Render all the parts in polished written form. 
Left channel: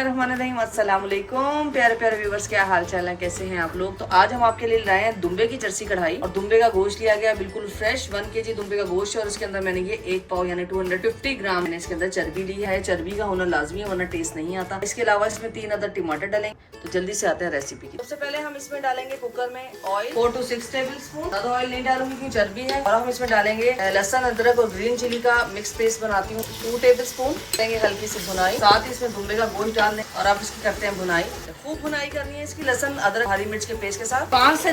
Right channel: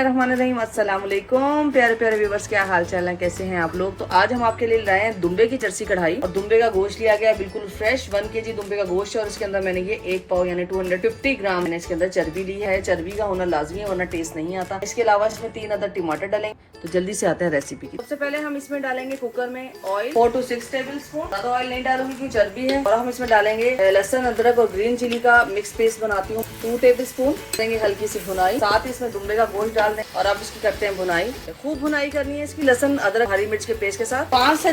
बिस्मिल्लाहिर्रहमानिर्रहीम। अस्सलाम वालेकुम प्यारे प्यारे व्यूवर्स, क्या हाल चाल है, कैसे हैं आप लोग। तो आज हम आपके लिए लाए हैं दुम्बे की चरसी कढ़ाई और दुम्बे का गोश्त लिया गया बिल्कुल फ्रेश 1 kg दुम्बे का गोश्त है और उसके अंदर मैंने ये 1 पाव यानी 250 ग्राम मैंने इसके अंदर चर्बी ली है। चर्बी का होना लाजमी है वरना टेस्ट नहीं आता। इसके अलावा इसमें 3 अदर टमाटर डालेंगे। तो जल्दी से आते हैं रेसिपी की। सबसे पहले हम इसमें डालेंगे कुकर में ऑयल 4 to 6 टेबल स्पून। ज्यादा ऑयल नहीं डालूंगी क्योंकि चर्बी है। और हम इसमें डालेंगे लहसुन अदरक और ग्रीन चिली का मिक्स पेस्ट बनाती हूँ 2 टेबल स्पून। देंगे हल्की सी भुनाई, साथ ही इसमें दुम्बे का गोश्त डाल दें और अब इसकी करते हैं भुनाई। खूब भुनाई करनी है इसकी लहसुन अदरक हरी मिर्च के पेस्ट के साथ। 5 से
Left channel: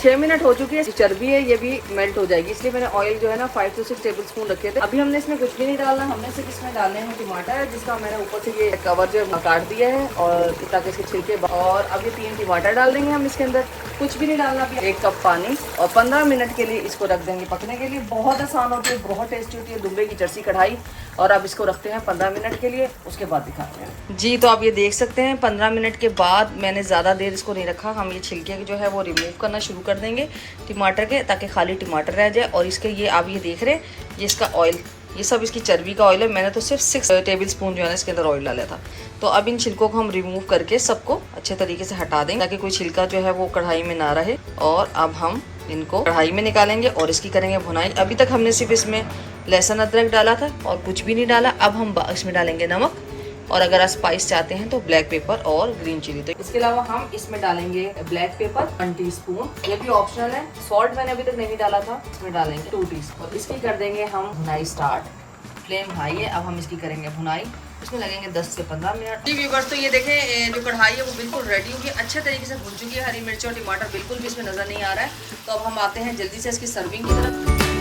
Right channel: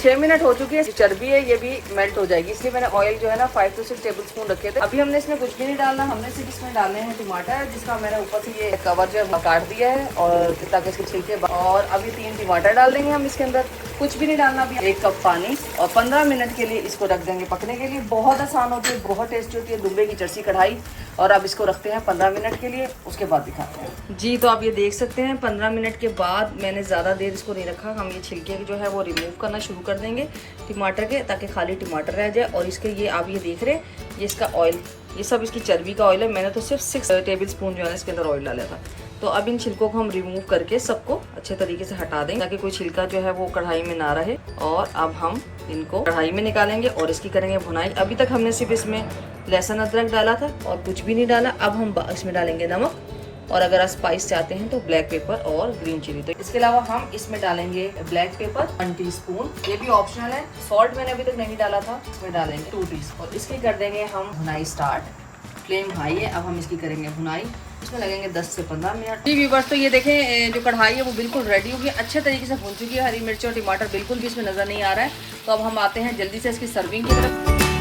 6 मिनट हो चुकी है। चर्बी है ये भी मेल्ट हो जाएगी, इसलिए मैंने ऑयल जो है ना 5 to 6 टेबल स्पून रखे थे। अभी हमने इसमें कुछ भी नहीं डालना, हमने सिर्फ इसमें डालने हैं टमाटर जिसका मैंने ऊपर से ये कवर जो है काट दिया है और ताकि इसके छिलके। और अभी 3 टमाटर डाल देंगे हम इसके अंदर। कुछ भी नहीं डालना, 1 कप पानी और 15 मिनट के लिए इसको रख देंगे पकने के लिए। बहुत आसान होती है, बहुत टेस्टी होती है दुम्बे की चरसी कढ़ाई। और अब इसको रखते हैं 15 मिनट के लिए, उसके बाद दिखाते हैं जी। तो आप ये देख सकते हैं 15 मिनट के बाद मैंने ज़्यादा देर इसको नहीं रखा। हम ये छिलके जो है वो रिमूव करना शुरू कर देंगे टमाटर के, ताकि खाली टमाटर रह जाए। और इसके ये आप ये देख रहे हैं ये इसका ऑयल, ये सब इसकी चर्बी का ऑयल है। मैंने तो सिर्फ 6 टेबल स्पून जो है ना इसके अंदर ऑयल डाला था। तो अब इन छिलकों को हम रिमूव करके सबको अच्छे तरीके से हटा देंगे ताकि कोई छिलका जो है वो कढ़ाई में ना रहे। और अब हम इनको कढ़ाई में निकालेंगे और इसकी करेंगे भुनाई। अभी तक हमने सिर्फ इसमें लहसुन अदरक डाला था और कुछ भी नहीं डाला। अब हम इसमें डालेंगे नमक और अगर आप स्पाइस चाहते हैं तो ब्लैक पेपर और ग्रीन चिली। तो इसके अलावा हम इसमें डालेंगे ब्लैक पेपर 1 टीस्पून, ये भी ऑप्शनल है। सॉल्ट मैंने अभी तक नहीं डाला था, इसमें डालेंगे 2 टीस्पून। इसकी कर देंगे हम भुनाई स्टार्ट। फ्लेम हाई है, अब हम इसकी करेंगे भुनाई। इसमें लगेंगे 10 से 15 मिनट। जी व्यूअर्स, तो ये देखें जो कढ़ाई है वो बिल्कुल रेडी होगी, अच्छे तरीके से भून चुकी है। हरी मिर्च और टमाटर बिल्कुल भी इसमें नजर नहीं आ रहा है। तो अब हम आते हैं जल्दी से इसकी सर्विंग की तरफ।